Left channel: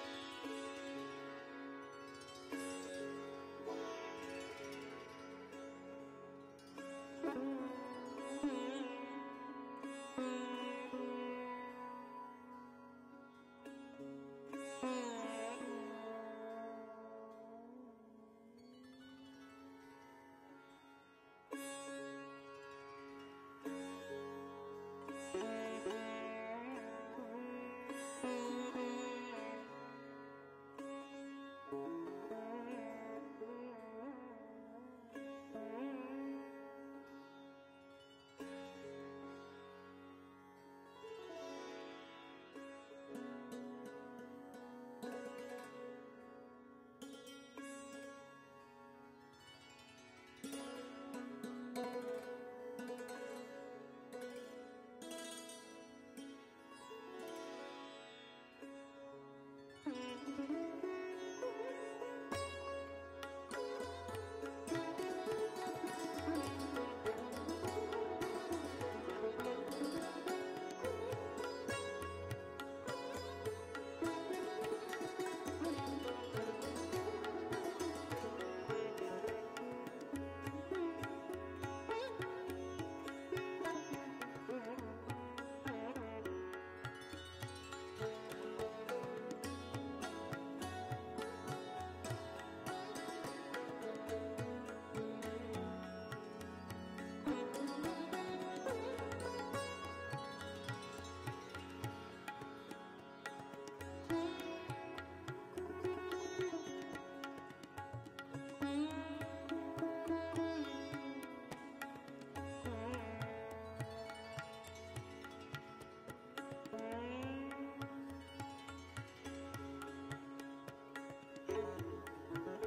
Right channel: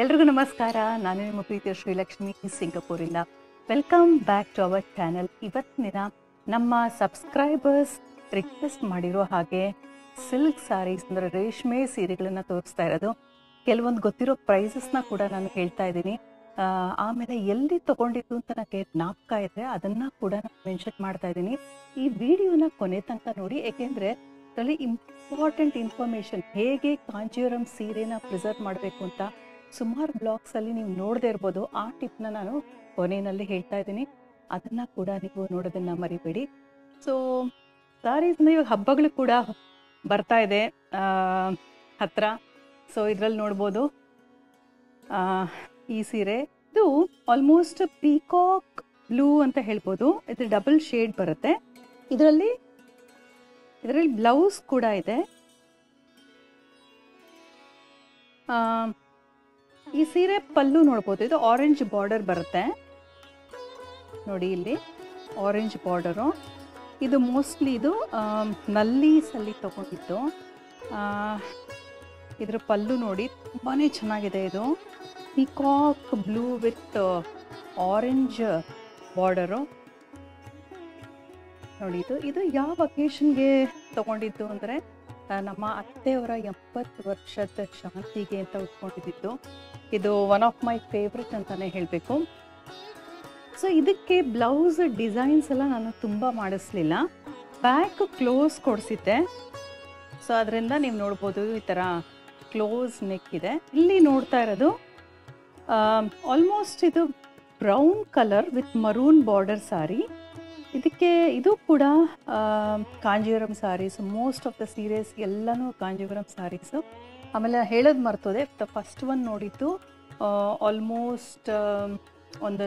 ಎಲ್ರಿಗೂ ನಮಸ್ಕಾರ. ನಾನು ನಿಮ್ಮ ಪ್ರೀತಿಯ ಶ್ರೀಲಕ್ಷ್ಮಿ ಸಿಂಗಪೂರಿಂದ. Welcome back to our channel. ಇವತ್ತಿನ ದಿನ ನಮ್ಮ ಸಬ್ಸ್ಕ್ರೈಬರ್ಸ್ ರಿಕ್ವೆಸ್ಟ್ ಮಾಡಿರೋ ಹಾಗೆ ಸಿಲ್ಕ್ ಸ್ಯಾರೀಸ್ ಅಂದರೆ ರೇಷ್ಮೆ ಸೀರೆಗಳನ್ನು ತೋರಿಸ್ತಾ ಇರೋದು. ಕೆಲವೊಂದು ಗೊತ್ತಿರೋ ಪ್ರೈಸಸ್ನ ಕೂಡ ನಾನು ಹೇಳ್ತಾ ಇದ್ದೀನಿ. ಆಮೇಲೆ ಎಲ್ಲಿ ತೊಗೊಂಡಿದ್ದು ಅಂತ ನನಗೆ ಜ್ಞಾಪಕ ಇದೆ, ಅದನ್ನು ಕೂಡ ನಾನು ಮೆನ್ಷನ್ ಮಾಡ್ತಾ ಇದ್ದೀನಿ. ಈ ವಿಡಿಯೋನ ಕೊನೆ ತನಕ ನೋಡಿ, ಏಕೆಂದರೆ ಅದರಲ್ಲಿ ಇಂಪಾರ್ಟೆಂಟ್ ಇನ್ಫಾರ್ಮೇಷನ್, ಹೇಗೆ ಕಾಂಜೀವರಂ ಸೀರೆನ ಪ್ರಿಸರ್ವ್ ಮಾಡಬೇಕು ಅಂತ ಸುಮಾರು ಬ್ಲಾಗ್ಸಲ್ಲಿ ನೀವು ನೋಡದೇ ಇರ್ಬೋದು. ಆ ಟಿಪ್ನ ನಾನು ಕೊನೆಯಲ್ಲಿ ಹೇಳ್ತಾ ಇದ್ದೀನಿ, ಅದನ್ನು ಕೂಡ ನೀವು ನೋಡೋದನ್ನು ಮರಿಬೇಡಿ. ಸೊ ಸ್ಯಾರೀಸ್ನ ಇವಾಗ ಹಬ್ಬಗಳು ಕೂಡ ಬರ್ತಾ ಇದೆ ಹತ್ತಿರ. ಸೊ ಇದರಲ್ಲಿ ನೋಡ್ಬೋದು ಈ ಸೀರೆ. ಇದು ಆಲ್ಮೋಸ್ಟ್ ಪೀಕಾಕ್ ಬ್ಲೂ ಅಂತ ಹೇಳ್ಬೋದು. ಇದು ಡಬಲ್ ಶೇಡ್ ಬರುತ್ತೆ. ಇದರಲ್ಲಿ ಬ್ಲೌಸ್ ಕೂಡ ಇದೆ. ಈ ಸೀರೆ ಪಲ್ಲು ನೋಡ್ಬೋದು, ಇದು ಆರೆಂಜ್ ಬಾರ್ಡರ್ ಬರುತ್ತೆ ನೋಡಿ, ಇಲ್ಲಿ ಆರೆಂಜ್ ಬಾರ್ಡರು. ಇದು ಮೋಸ್ಟ್ಲಿ ಇದು ನಲ್ಲೀಸಲ್ಲಿ ತಗೊಂಡಿದ್ದು. ಇದರ ಪಲ್ಲು ನೋಡಿ ತುಂಬಾ ಚೆನ್ನಾಗಿದೆ. ಇದು peacock blue with orange border ನೋಡಿ. ಇದು ಯಾವ ಅಕೇಶನ್ಗೆ ತಗೊಂಡಿದ್ದು ಅಂದರೆ ನಮ್ಮ ಅತ್ತೆಯವರ 80 ವರ್ಷದ ಶಾಂತಿಗೆ ಅಂತ ಉಟ್ಕೊಂಡಿದ್ದು. ಇದು ಒನ್ ಆಫ್ ಮೈ ಫೇವ್ರೆಟ್ ಅಂತಲೇ ಹೇಳಬೇಕು. ಸೊ ಇದಕ್ಕೆ ಬ್ಲೌಸ್ ಡಿಸೈನ್ಸ್ ಎಲ್ಲ ನಾನು ತುಂಬ ಮಾಡಿಸ್ಲಿಲ್ಲ, ಬ್ಯಾಕ್ ಕ್ಲೋಸ್ ಕೊಡಿಸಿದ್ದೆ. ಸೊ ಅದರಿಂದ ನೀವು ನೋಡ್ಬೋದು ಈ ಥರ ಕ್ಲೋಸ್ ನೆಕ್ ಇದೆ. ಇಲ್ಲಿ ನೋಡ್ತಾ ಇರೋದು ಆಲ್ಮೋಸ್ಟ್ ಇದು brown colour with maroon border sari. ಇದು ಕೂಡ Kanjeevaram saris. Most of the series ಎಲ್ಲನೂ ಕಾಂಜೀವರಂ ಸ್ಯಾರೀಸು. ಆಮೇಲೆ ಹೇಳೋದು ಮರ್ತೋದೆ, ಫಸ್ಟ್ ಒನ್ ನೋಡಿದ್ದು ಆಲ್ಮೋಸ್ಟ್ ಒಂದು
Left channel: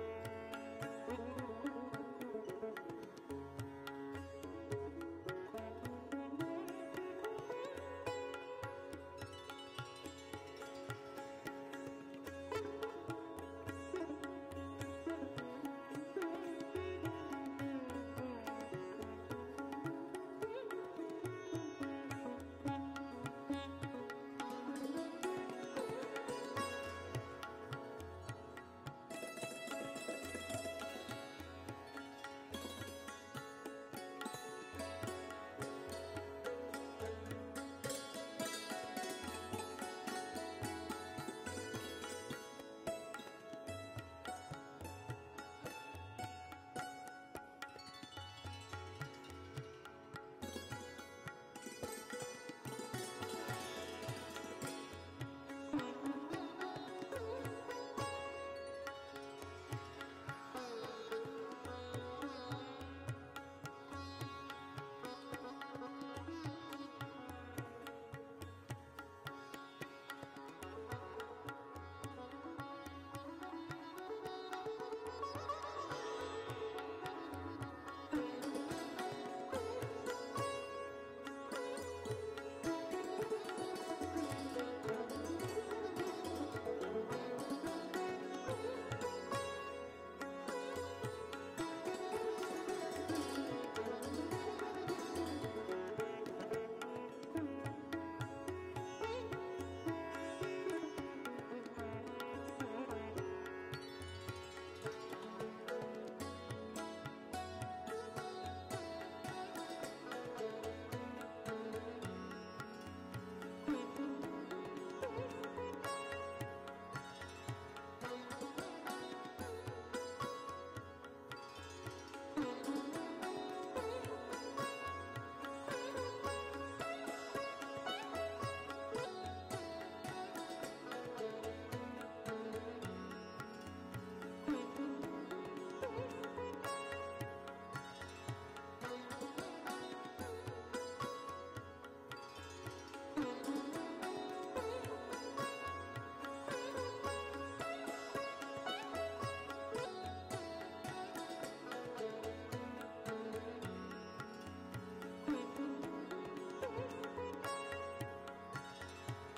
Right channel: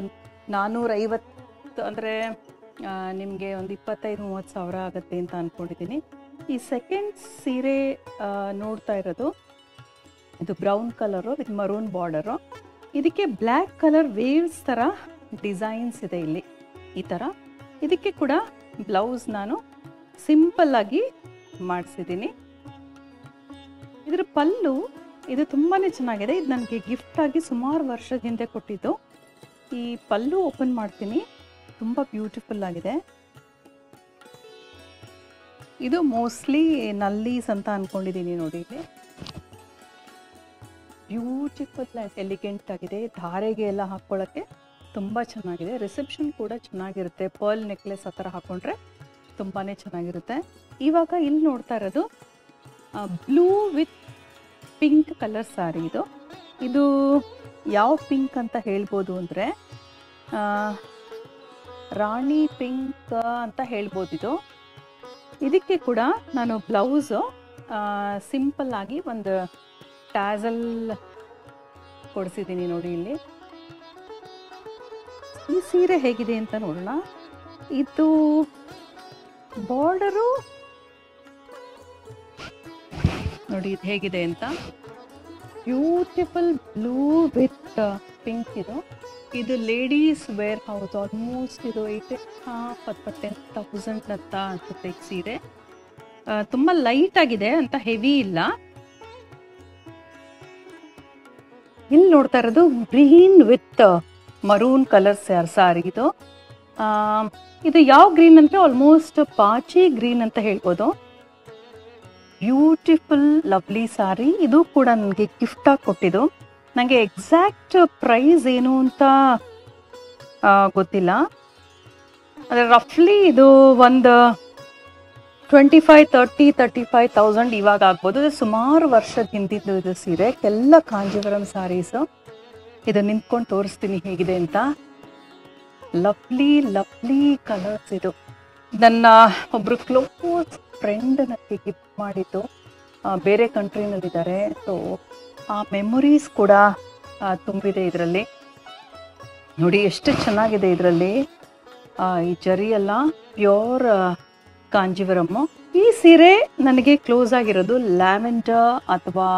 450, ಅಂದರೆ ನಿಮಗೆ ಒಂದು 25-30 ಸಾವಿರ ಆಗುತ್ತೆ ಅಂತ ಅಂದ್ಕೊಂಡಿದ್ದೀನಿ. ಈ ಸೆಕೆಂಡ್ ಸೀರೆ ನೋಡ್ತಾ ಇರೋದು ಇದು brown colour with maroon border. ಇದಕ್ಕೆ ಬ್ಲ್ಯಾಕ್ ಕಲರ್ ವೇವ್ಸ್ ಥರ ಡಿಸೈನ್ಸ್ ಇದೆ ಇಲ್ಲಿ ಈ ಥರ. ಇದಕ್ಕೆ ಕೂಡ ಬ್ಲೌಸ್ ನಾನು ಸಿಂಪಲ್ಲಾಗಿ ಮಾಡಿಸಿದ್ದೀನಿ. ಇದರ ಪಲ್ಲು ಇದು ತುಂಬಾ ಚೆನ್ನಾಗಿದೆ. ಇದು ನನಗೆ ಗಿಫ್ಟಾಗಿ ಸುಮಾರು ವರ್ಷದ ಹಿಂದೆ ಕೊಟ್ಟಿದ್ದು. ಈ ಪಲ್ಲು ಓಪನ್ ಮಾಡ್ತೀನಿ, ತುಂಬ ಬ್ಯೂಟಿಫುಲ್ ಆಗಿದೆ. ಇದು ಮೋಸ್ಟ್ಲಿ ನಲ್ಲೀಸ್ ಅಂತ ಅಂದ್ಕೊಂಡಿದ್ದೀನಿ ನೋಡಿ. ಇದು ಬ್ಯೂಟಿಫುಲ್ ಎಲಿಗೆಂಟ್ ಆಗಿದೆ. ಧಾರೆಗೆ ಎಲ್ಲ ಹಾಕ್ಕೊಳ್ಳೋಕ್ಕೆ ತುಂಬ ಚೆನ್ನಾಗಿದೆ. ರಿಸೆಪ್ಷನ್ ಕೂಡ ಚೆನ್ನಾಗಿರುತ್ತೆ. ಪರ್ಲ್ ನೆಕ್ಲೆಸ್ ಆ ಥರ ಹಾಕ್ಕೊಂಡ್ರೆ ತುಂಬಾ ಚೆನ್ನಾಗಿರುತ್ತೆ. ಇವಾಗ ಇಲ್ಲಿ ನೋಡ್ತಾ ಇರೋದು blue with pink colour sari. ಇದು ಯಾವ ಪಿಂಕ್ ಅಂತ ಹೇಳ್ಬೋದು ಅಂದರೆ ರಾಣಿ ಪಿಂಕ್ ಅಂತ ಹೇಳ್ಬೋದು. ಇದಕ್ಕೆ ಕೂಡ ನಾನು ಬ್ಲೌಸು ಸಿಂಪಲ್ಲಾಗಿ ಒಂದು ಟ್ಯಾಸಲ್ ಕೊಡಿಸಿದ್ದೀನಿ ನೋಡಿ. ಇಲ್ಲಿ ಈ ಸೀರೆ ಹೇಗಿದೆ ಅಂತ ನೋಡೋಣ. ಇದು ಬಾರ್ಡರು ನೋಡಿ ಇದು ಹೇಗಿದೆ ಅಂತ. Beautiful blue with pink. ಇದು ಲೇಡೀಸ್ ವೇರ್ ಹೌಸ್. ಆಲ್ಮೋಸ್ಟ್ ಇದು 8,000 ಅಂತ ಅನ್ಸುತ್ತೆ ಈ ಸೀರೆ. ತುಂಬ ಲೈಟ್ ಆಗಿದೆ ಅಂತ, ಹೆವಿ ಇಲ್ಲ. ಇಲ್ಲಿ ನೋಡ್ತಾ ಇರೋದು green with maroon colour sari. ಇದು ಯಾವ ಗ್ರೀನ್ ಅಂದರೆ ಆಲ್ಮೋಸ್ಟ್ ಪಾಚಿ ಗ್ರೀನ್ ಅಂತ ಹೇಳ್ಬೋದು. Beautiful lovely sari. ಇದು ಕೂಡ ನನಗೆ ಗಿಫ್ಟಾಗಿ ಕೊಟ್ಟಿದ್ದು. ನನಗೆ ಎಕ್ಸಾಕ್ಟ್ ಪ್ರೈಸ್ ಏನು ಅಂತ ಗೊತ್ತಿಲ್ಲ, ಆದರೆ ರಫ್ಲಿ ಇದು ಒಂದು 25,000-35,000 ಇವಾಗ ಆಗ್ಬೋದು. ಇದು ಸುಮಾರು ವರ್ಷದ ಹಿಂದಿದ್ದು ಇದು ಸೀರೆ. ಎಲ್ಲ ಕಾಂಜೀವರಂ ಸ್ಯಾರೀಸು. ಇದು ನಿಂತ್ಕೊಂಡು ತೋರಿಸ್ತೀನಿ ಹೇಗಿದೆ ಅಂತ. Lovely lovely colours. ಇದು ನನ್ನ ಒಬ್ಬರು ಕ್ಲೋಸ್ ಫ್ರೆಂಡ್ ನನಗೆ ಗಿಫ್ಟ್ ಮಾಡಿದ್ದು. ಬೇರೆ ಕಂಟ್ರಿನಲ್ಲಿದ್ದಾರೆ. ಸೊ ಆ ಮೆಮೊರೀಸ್ ಕೂಡ ತುಂಬಿದೆ ಇದರಲ್ಲಿ. ನೋಡಿ ಎಷ್ಟು ಚೆನ್ನಾಗಿದೆ ಇದರಲ್ಲಿ. ಈ ಜರಿ ಎಲ್ಲ ಪ್ಯೂರ್ ಕಾಂಜೀವರಮ್ಮು. ಈ ಸೀರೆ ನನಗೆ ಕ್ಲೋಸ್ ಆಗಿರೋದು ಲ್ಯಾವೆಂಡರ್ ಅಥವಾ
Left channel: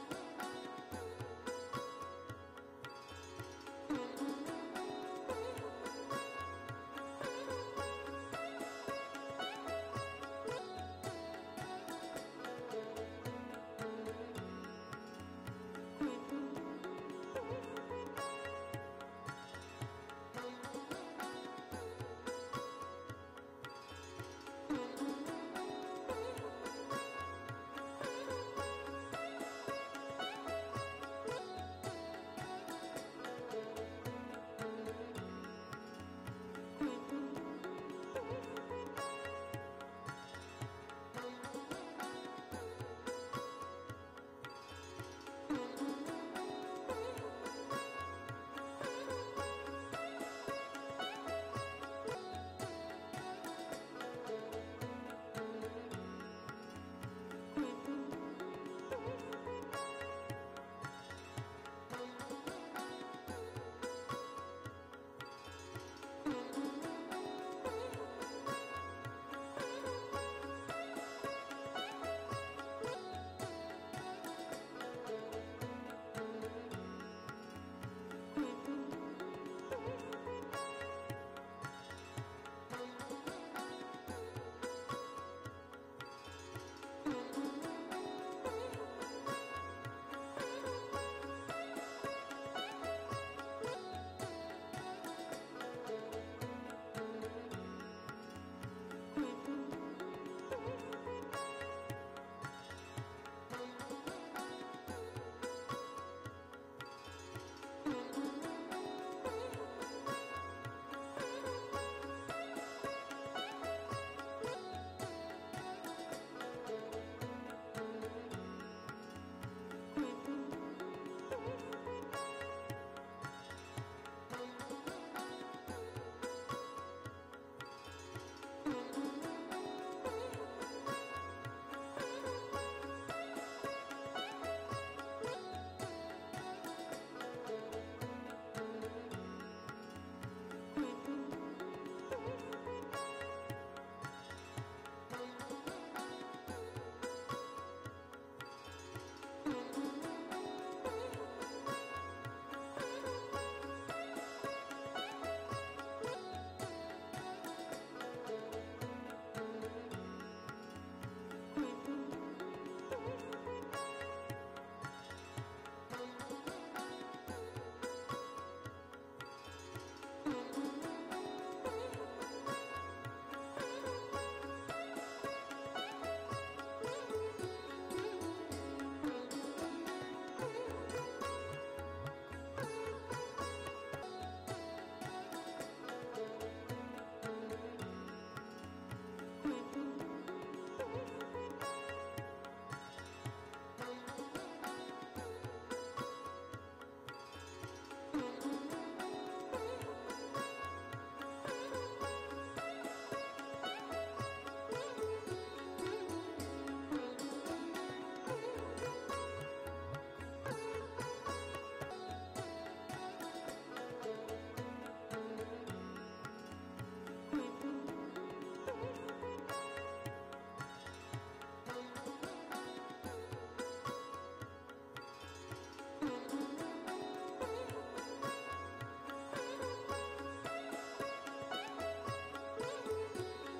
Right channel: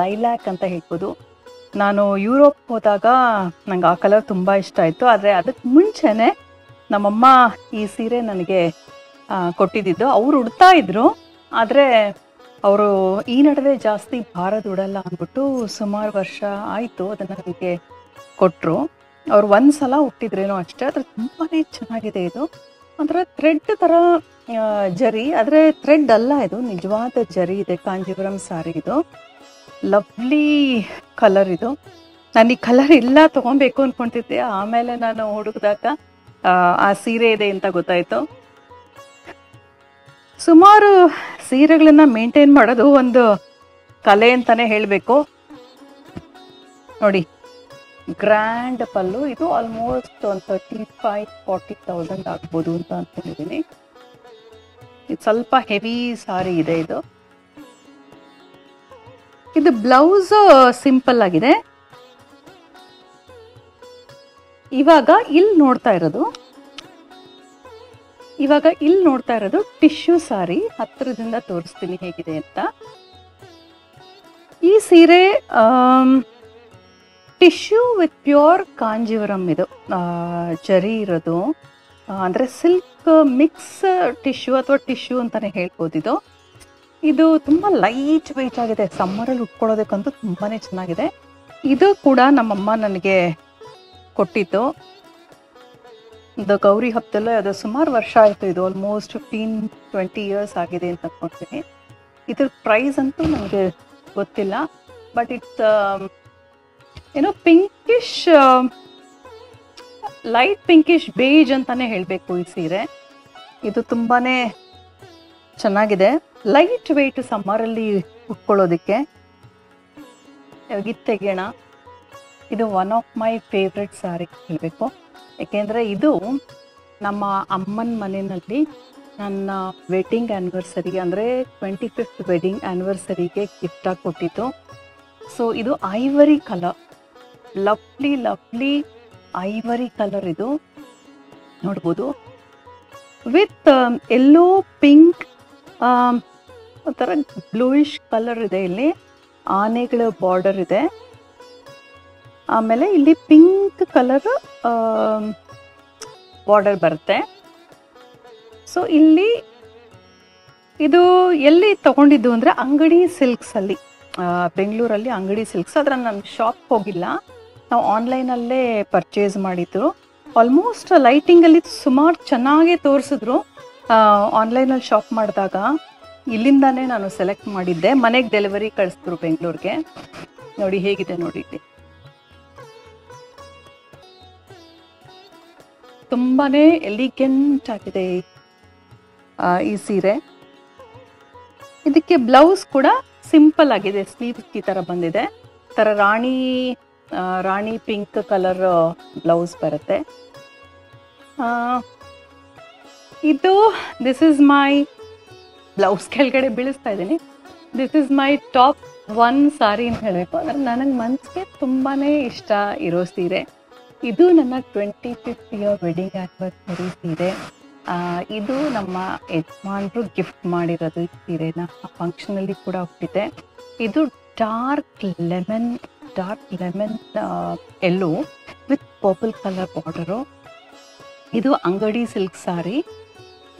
ಲೈಲ್ಯಾಕ್ ಅಂತ ಹೇಳ್ಬೋದು. ನಾನು ಯುರೋಪ್ ಹೋದಾಗ ನಂಗೆ ಆ ಕಲರ್ ತುಂಬ ಇಷ್ಟ ಆಯಿತು. ಆದರೆ ಅದಕ್ಕೆ ಮುಂಚೆನೇ ನಮ್ಮಮ್ಮ ಈ ಸೀರೆ ನನಗೆ ಕೊಟ್ಟಿದ್ದು. ಅವ್ರು ಉಡ್ತಾ ಇದ್ರು, ಆದರೆ ಅವರು ಈ ನಡುವೆ ಜಾಸ್ತಿ ಭಾರ ದುಡಲ್ಲ ಅಂದ್ಬಿಟ್ಟು ಸುಮಾರು ವರ್ಷ ಆಯಿತು ಅದನ್ನು ನನಗೆ ಕೊಟ್ಟರು. ಅವ್ರು ಒಂದು ಸಲ ಹುಟ್ಟಿದ್ರೇನೋ ಅಷ್ಟೇ. ಆದರೆ ತುಂಬಾ ಚೆನ್ನಾಗಿದೆ ಇದು. ಒಂಥರ ಥ್ರೆಡ್ ಥರ ಜರಿ, ಆದರೆ ಥ್ರೆಡ್ ಅಲ್ಲ, ಇದು ನಿಜವಾದ ಜರಿ ಇದೆ. ಕಾಂಜೀವರಂ ಸಾರಿ ಇದು. ಲವ್ಲಿ ಕಲರ್ ಇದು. ನಾನು ಈ ಕಲರ್ ಇಲ್ಲ ತೊಗೊಬೇಕು ಅಂದ್ಕೊತಿದ್ದೆ, ಆಮೇಲೆ ನಾನು ಹುಡುಕಿದಾಗ ಆ ಸೀರೆ ಇದೆ ಅಂತ ಗೊತ್ತಾಯಿತು. ಸುಮಾರು ಸೀರೆಗಳನ್ನ ಮೇಂಟೈನ್ ಮಾಡೋದು ಒಂದು ಕಲೆ ಅಂತಾನೆ ಹೇಳಬೇಕು. ನೋಡಿ, ಗ್ರ್ಯಾಂಡ್ ಪಲ್ಲು. ಇದು ಆಲ್ಮೋಸ್ಟ್ ಒಂದು 35,000-40,000 ಆಗ್ಬೋದು ಅಂತ ಅಂದ್ಕೊಂಡಿದ್ದೀನಿ. ಇದು ಸ್ವಲ್ಪ ಹೆವಿ ಸಾರಿ ಇದೆ ಇದು. ಇದು ಬ್ಲೌಸ್ ಸಿಂಪಲ್ ಆಗಿದೆ. ಇವಾಗ ಇಲ್ಲಿ ನೋಡ್ತಾ ಇರೋದು ಟಿಶ್ಯೂ ಸಾರಿ. ಹತ್ತಿರದಿಂದ ತೋರಿಸ್ತೀನಿ ಹೇಗಿದೆ ಅಂತ. ಈ ಸೀರೆ ಟಿಶ್ಯೂ ವಿತ್ ಪ್ಯೂರ್ ಕಾಂಜೀವರಂ. ಇದು ಜರಿ ಇರೋದು, ಅಂದರೆ ಸಿಲ್ಕ್ ಮಿಕ್ಸ್ ಟಿಶ್ಯೂ ಅಥವಾ ಟಿಶ್ಯೂ ಅಂತಾನೆ ಹೇಳ್ಬೋದು. ಇದು ತುಂಬ ಲೈಟ್ ವೆಯ್ಟ್ ಆಗಿದೆ. ಸಮ್ಮರಲ್ಲಿ ಉಟ್ಕೊಳ್ಳೋದಕ್ಕಂತೂ ತುಂಬಾ ಚೆನ್ನಾಗಿದೆ. ಇದು ಕೂಡ ನಮ್ಮಮ್ಮ ನನಗೆ ಕೊಟ್ಟಿತ್ತು. ಇದು ಗೌರಿ ಹಬ್ಬದಲ್ಲೂ ಅದು ಸುಮಾರು ವರ್ಷ ಆಯಿತು. ಇದು ಆಲ್ಮೋಸ್ಟ್ 15-20 ಇಯರ್ಸ್ ಆಗಿದೆ ಅಂತ ಅಂದ್ಕೊಳ್ತೀನಿ. ಇದ್ರ ಪ್ರೈಸ್ ಅಂತೂ ನನಗೆ ಗೊತ್ತಿಲ್ಲ, ಬಟ್ ಇಟ್ಸ್ ಏನೋ ಪಿಂಕಿಶ್, ಲೈಟ್ ಪಿಂಕಿಶ್ ಬೇಜ್ ಅಂತಾನೆ ಹೇಳಬೇಕು ಈ ಸೀರೆ. ಇದು ತುಂಬಾ ಚೆನ್ನಾಗಿದೆ. ಲೈಟ್ ವೆಯ್ಟ್ ಸಮ್ಮರಲ್ಲಿ ಉಟ್ಕೊಳ್ಳೋದಕ್ಕೆ. ಇದು ತೆಗೆಯೋಣ. ಇದು one of my favourite sari ಹೇಳಬೇಕು. ಏಕೆಂದರೆ ಇದು ನಮ್ಮ ಅಮ್ಮನ ಮನೆಯಲ್ಲಿ ನನ್ನ ವೆಡ್ಡಿಂಗ್ ಆ್ಯನಿವರ್ಸರಿ, ಅಂದರೆ 25th ವೆಡ್ಡಿಂಗ್ ಆ್ಯನಿವರ್ಸರಿಗೆ ಗಿಫ್ಟಾಗಿ ಕೊಟ್ಟಿದ್ದು. ಸೊ ಇದು ivory colour, lovely ivory colour ಇದು ನೋಡ್ಬೋದು. ವಿತ್ ಎಲ್ಲೋ ಪಿಂಕ್, ಒಂಥರ ಬ್ಲೂಯಿಶ್ ಕಲರ್ ಇದೆ. ಇಲ್ಲಿ ಆನೆಗಳ ಬಾರ್ಡರ್ ಇದೆ. ಆಮೇಲೆ ಇಲ್ಲಿ ಪಿಂಕ್ ಕಲರ್ ಬಾರ್ಡರ್ ಬರುತ್ತೆ. ಸೊ ಇಲ್ಲಿ ಇದು ಎಲ್ಲಿ ತಗೊಂಡಿದ್ದು ಅಂದರೆ ಅಂಗಡಿ ಸಿಲ್ಕ್ಸಲ್ಲಿ, ಬೆಂಗಳೂರಲ್ಲಿ ಅಂಗಡಿ ಸಿಲ್ಕ್ಸ್. ಆದರೆ ನಾನು ಶಾಪ್ ಹೋಗಿಲ್ಲ, ನಾವು ಆನ್ಲೈನಲ್ಲೇ ಪರ್ಚೇಸ್ ಮಾಡಿದ್ದು. ಆಲ್ಮೋಸ್ಟ್ ಲೈಟಿಂಗಲ್ಲಿ ಸುಮಾರು ಚೆನ್ನಾಗೇ ತೋರಿಸಿದ್ರು. ಆನ್ಲೈನಲ್ಲಿ ಶಾಪ್ ಮಾಡಿದಾಗ ಇಲ್ಲಿಂದಾನೇ ನಾನು ಸೆಲೆಕ್ಟ್ ಮಾಡಿದ್ದೆ. ಮನೆಗೆ ಡೆಲಿವರಿ ಕಳಿಸಿದ್ರು ಬೆಂಗಳೂರಿಗೆ. ನೋಡಿ ಹೇಗಿದೆ ನೋಡಿ. ತುಂಬಾ ಎಲಿಗೆಂಟ್ ಆಗಿದೆ ಈ ಸೀರೆ. ಇದಕ್ಕೆ ಬ್ಲೌಸ್ ಕೂಡ ಸಿಂಪಲ್ ಆಗಿದೆ. ಸ್ಲೀವ್ಸ್ ಈ ಥರ ಬಂದಿದೆ. ಥರ ರಾಣಿ ಪಿಂಕ್ ಕಲರ್ ಬ್ಲೌಸ್ ಬರುತ್ತೆ. ಇದು ದಿಸ್ ಇಸ್ ಮೈ ಬ್ಲೌಸ್ ಕೆಳಗಡೆ ಬೀಳಿಸ್ತಾ ಇದ್ದೀನಿ. ದಿಸ್ ಇಸ್ ಮೈ ಟಾಪ್ 1 ಸಾರಿ ಅಂತ ಹೇಳಬೇಕು. ಅಂದರೆ ನನಗೆ ಮನಸ್ಸಿಗೆ ತುಂಬಾ ಇಷ್ಟ ಇರೋ ಸೀರೆ. ಇದು ನನ್ನ 25th ಇಯರ್ ವೆಡ್ಡಿಂಗ್ ಆ್ಯನಿವರ್ಸರಿ ಸೀರೆ. ಇದು ನಮ್ಮ ಯಜಮಾನರು ಗಿಫ್ಟ್ ಮಾಡಿರೋದು ಈ ಸೀರೆನ. ಆ ಫಂಕ್ಷನಲ್ಲಿ ಕೂಡ ಹುಟ್ಟಿದೆ. ಇದು dark lemon yellow with purple colour border. ಇದು ಅಂಗಡಿ ಸಿಲ್ಕ್ ಸಾರಿ.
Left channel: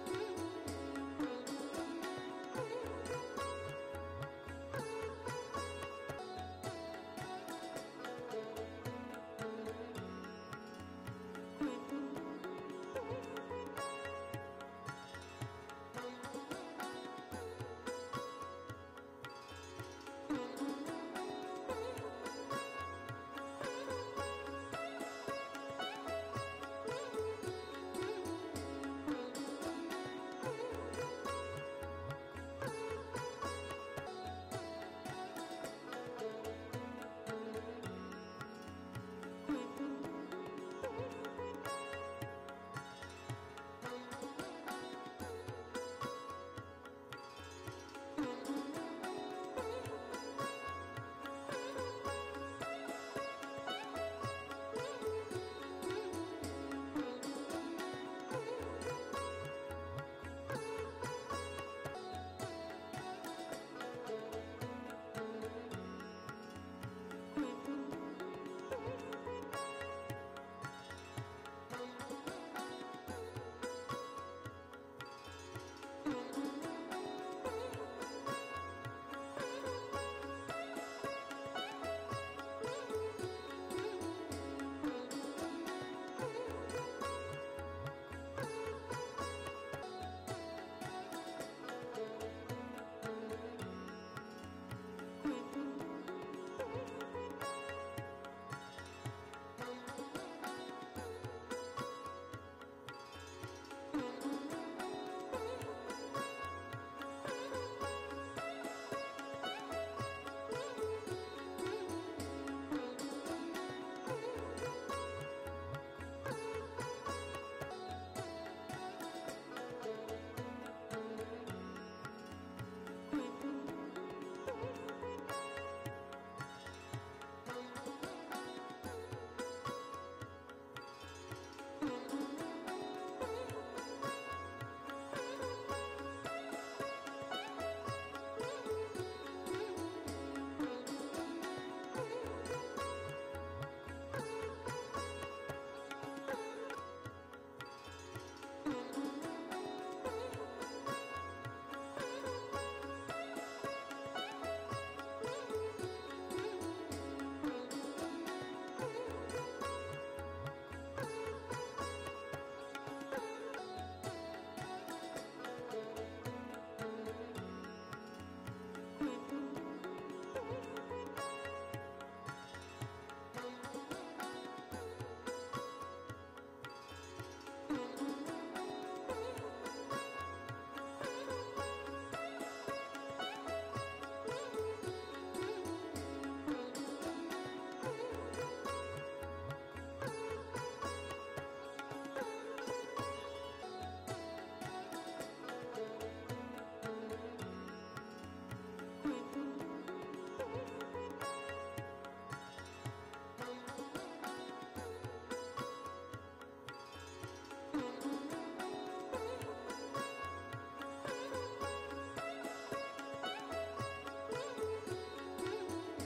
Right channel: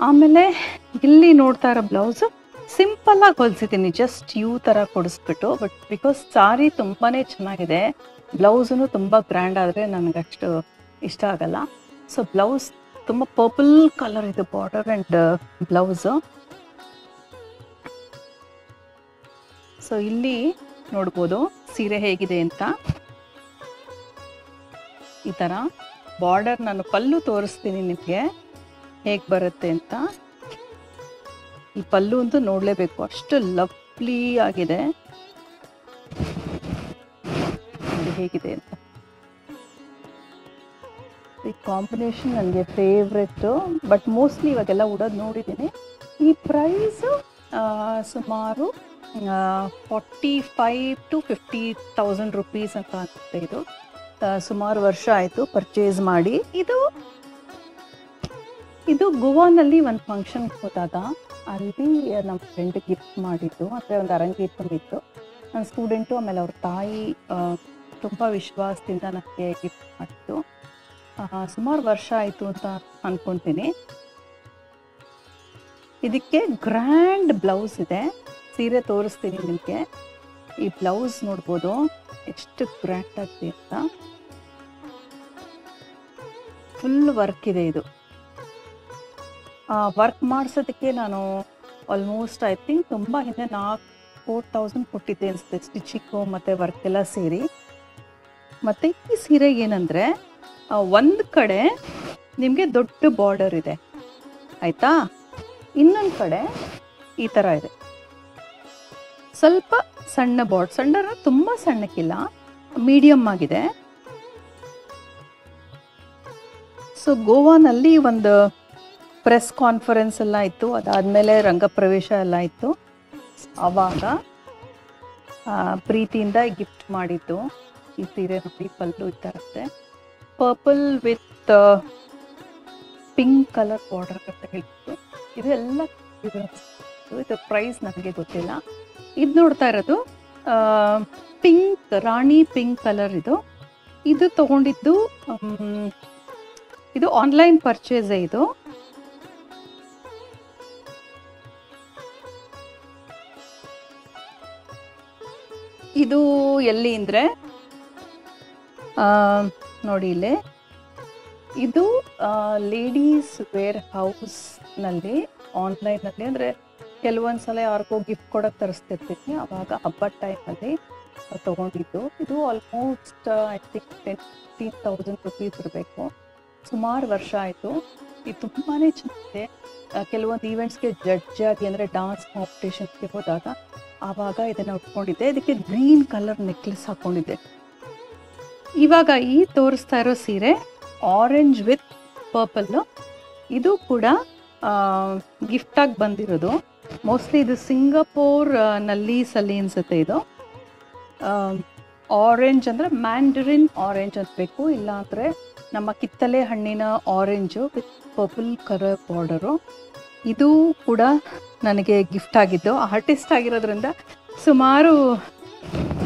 ಆಮೇಲೆ ಇಲ್ಲಿ ನೋಡ್ತಾ ಇರೋ ಬ್ಲೌಸು ಸಿಂಪಲ್ಲಾಗಿ ಹೊಲಿಸಿದ್ದೀನಿ, ಜಸ್ಟ್ ಯೂ ಥರ ಕೊಡಿಸ್ಬಿಟ್ಟು. ಬಟ್ ಬಿಕಾಸ್ ಸಾರಿ ತುಂಬಾ ಚೆನ್ನಾಗಿದೆ, ಬ್ಲೌಸೂ ತುಂಬ ಗ್ರ್ಯಾಂಡ್ ಆದರೆ ನನಗಷ್ಟು ಇಷ್ಟ ಆಗಲ್ಲ. ಸೊ ಬ್ಲೌಸ್ ತುಂಬ ಪರ್ಪಲ್ ಕಲರ್ ಇದೆ ಬಾರ್ಡರ್ ಆ್ಯಂಡ್ ಬ್ಲೌಸು. ಸೊ ಇಲ್ಲಿ ನೋಡ್ಬೋದು ಸೀರೆ ಹೇಗಿದೆ ಅಂತ. ಈ ಥರ ಬಾರ್ಡರ್, ನಾನು ಪಲ್ಲು ತೋರಿಸ್ತೀನಿ ನಿಮಗೆ ಹೇಗೆ ಬರುತ್ತೆ ಅಂತ. ಈ ಪಲ್ಲು ಅಂತೂ ನೋಡಲೇಬೇಕು, ಅಷ್ಟು ಲವ್ಲಿ ಆಗಿದೆ. ಹೇಗಿದೆ ಅಂತ. ಈ ಕಾಂಬಿನೇಷನ್ ನನಗೆ ಫೇವ್ರೆಟ್ಟು, ಬಟ್ ಮೋಸ್ಟ್ಲಿ ಇವಾಗೆಲ್ಲ ಉಡೋದು ನೋಡಿದ್ದೀನಿ. ಈ ಪ್ರೈಸು ಸುಮಾರು 45,000 to 50,000 ರುಪೀಸ್ ಅಂತ ಅನಿಸುತ್ತೆ. ಇದು ಸುಮಾರು ವರ್ಷ ಆಯಿತು ಪರ್ಚೇಸ್ ಮಾಡಿ. ಇದು ಗೋವಾನಲ್ಲಿ ಒಂದು ಫಂಕ್ಷನ್ಗೆ ಹೋದಾಗ ಅಲ್ಲಿ ನಮ್ಮ ಫ್ರೆಂಡ್ ಗಿಫ್ಟ್ ಮಾಡಿದ್ದು, ಅಂದರೆ ಒಂದು ಅರಂಗೇಟ್ಕೊಂಡಿತ್ತು. ನನ್ನ ಸ್ಟೂಡೆಂಟು, ಆಮೇಲೆ ಅವ್ರ ತಾಯಿ ತುಂಬ ವಿಶ್ವಾಸದಿಂದ ನನಗೆ ಗಿಫ್ಟ್ ಮಾಡಿದ್ದು. ಸುಮಾರು ವರ್ಷ ಆಯಿತು ಅಂತ ಅಂದ್ಕೊತೀನಿ. ಇದಕ್ಕೆ ಗ್ರ್ಯಾಂಡ್ ಬ್ಲೌಸ್ ಇದೆ, ಸೀರೆ ತೋರಿಸ್ತೀನಿ ನಿಮಗೆ. ಈ ಬ್ಲೌಸ್ ನೋಡ್ಬೋದು ಎಷ್ಟು ಗ್ರ್ಯಾಂಡ್ ಆಗಿದೆ ಅಂತ. ಫುಲ್ ವರ್ಕ್ ಇದೆ ಇದು. ವರ್ಕ್ ಮಾಡಿಸೋದಕ್ಕೆ ನಾನು ಆಲ್ಮೋಸ್ಟ್ ಐ ಥಿಂಕ್ ತುಂಬ ಹಿಂದೆ 4,000 ಕೊಟ್ಟಿದ್ದೆ ಅನಿಸುತ್ತೆ, ಸ್ಟಿಚಿಂಗು ಮತ್ತು ವರ್ಕ್ ಎಲ್ಲ ಸೇರಿ. ಮತ್ತು ಈ ಸೀರೆಗೆ ಏನಂದರೆ ಒಂದು ಕಡೆ ನಿಮಗೆ ದೊಡ್ಡ ಬಾರ್ಡರ್ ಇದೆ ಆಯಿತಾ, ಇನ್ನೊಂದು ಕಡೆ ಈ ಥರ ಇದೆ ಸ್ವಲ್ಪ ಸಣ್ಣ ಬಾರ್ಡರ್. ಸಣ್ಣ ತುಂಬ ಸಣ್ಣಕ್ಕಿಲ್ಲ, ಮೀಡಿಯಮ್ ಆಗಿದೆ. ಸೊ ಗೋವಾನಲ್ಲಿ ಒಂದು ಪ್ರೆಸ್ ಕಾನ್ಫರೆನ್ಸ್ ಎಲ್ಲ ಇತ್ತು, ಅದಾದಮೇಲೆ ರಂಗಪ್ರವೇಶ ಎಲ್ಲ ಇತ್ತು. ಆವಾಗ ಪ್ರೀತಿಯಿಂದ ಗಿಫ್ಟ್ ಮಾಡಿದ್ದು ಈ ಸೀರೆ. ನೋಡಿ ಪಲ್ಲು ಈ ಥರ ಇದೆ, purple with pink colour border ಅಂತ ಹೇಳಿತ್ತು. ಇದು ಎಲ್ಲ ಇದು ಪ್ರೈಸ್ ನನಗೆ ಗೊತ್ತಿಲ್ಲ. ಇದು ನೋಡ್ತಾ ಇರೋದು ಪಿಂಕ್, ರಾಣಿ ಪಿಂಕ್ ಕಲರ್. ಇದು ತಗೊಂಡಿದ್ದು ಇದು ಆನ್ಲೈನ್ ಪರ್ಚೇಸೇ. ಇದು ಎಲ್ಲಿ ಅಂದರೆ ನೋಡಿ ಇಲ್ಲೇ, ಇದು ಲೇಡೀಸ್ ವೇರ್ ಹೌಸ್ನಲ್ಲಿ ಆನ್ಲೈನಲ್ಲಿ, ಅಂದರೆ ಕೆಲವೊಂದು ಸಲ ಯಾರಿಗೋ ಗಿಫ್ಟ್ ಕೊಡೋಕ್ಕೆ ತರಿಸ್ತಿರ್ತೀನಿ, ಆವಾಗ ಹಬ್ಬದ ಟೈಮಲ್ಲಿ ತೊಗೊಂಡಿದ್ದು. ಇದು ಆಲ್ಮೋಸ್ಟ್ ಐ ಥಿಂಕ್ 15,000 ರುಪೀಸ್ ಇರಬೇಕು. ಸುಮಾರು ವರ್ಷ ಆಯಿತು. ಇದು ತುಂಬಾ ಚೆನ್ನಾಗಿದೆ. ಕೆಲವೊಂದು ಈವೆಂಟ್ಸ್ಗೆ ಜಡ್ಜ್ ಆಗಿ, ಅಂದರೆ ಡಾನ್ಸ್ ಕಾಂಪಿಟೇಷನ್ಸ್ಗೆ ಹೋದಾಗ ಆವಾಗ ಇದನ್ನು ಉಟ್ಕೊಂಡಿದ್ದೆ. ಇದಕ್ಕೆ ಗ್ರೀನ್ ಕಲರ್ ನೆಕ್ಲೆಸ್ ಹಾಕ್ಕೊಂಡಿದ್ದೆ. ಇವಾಗ ಈ ತೋರಿಸ್ತಾ ಇರೋ ಸೀರೆ ಆರೆಂಜ್ ವಿತ್ ಪರ್ಪಲ್ಲು. ಇದು ಕೂಡ ಗಿಫ್ಟಾಗಿ ಬಂದಿರೋದು. ಮೋಸ್ಟ್ಲಿ ಇದು ಸಿಂಗಾಪುರ್ ನಲ್ಲಿ ಸಲಿ ಅನ್ಸುತ್ತೆ. ಇದು ಆರೆಂಜ್ ಅಂದರೆ ಮ್ಯಾಂಡರಿನ್ ಆರೆಂಜ್ ಅನ್ಬೇಕು, ಇಲ್ಲಾಂದರೆ ನಮ್ಮ ಕಿತ್ತಲೆ ಹಣ್ಣಿನ orange with purple colour border. ಇದು ಕೂಡ ನನಗೆ ಗಿಫ್ಟ್ ಆಗಿದ್ದು. ಆರ್ಟಿಸ್ಟ್ ಆಗಿರೋದ್ರಿಂದ ಸುಮಾರು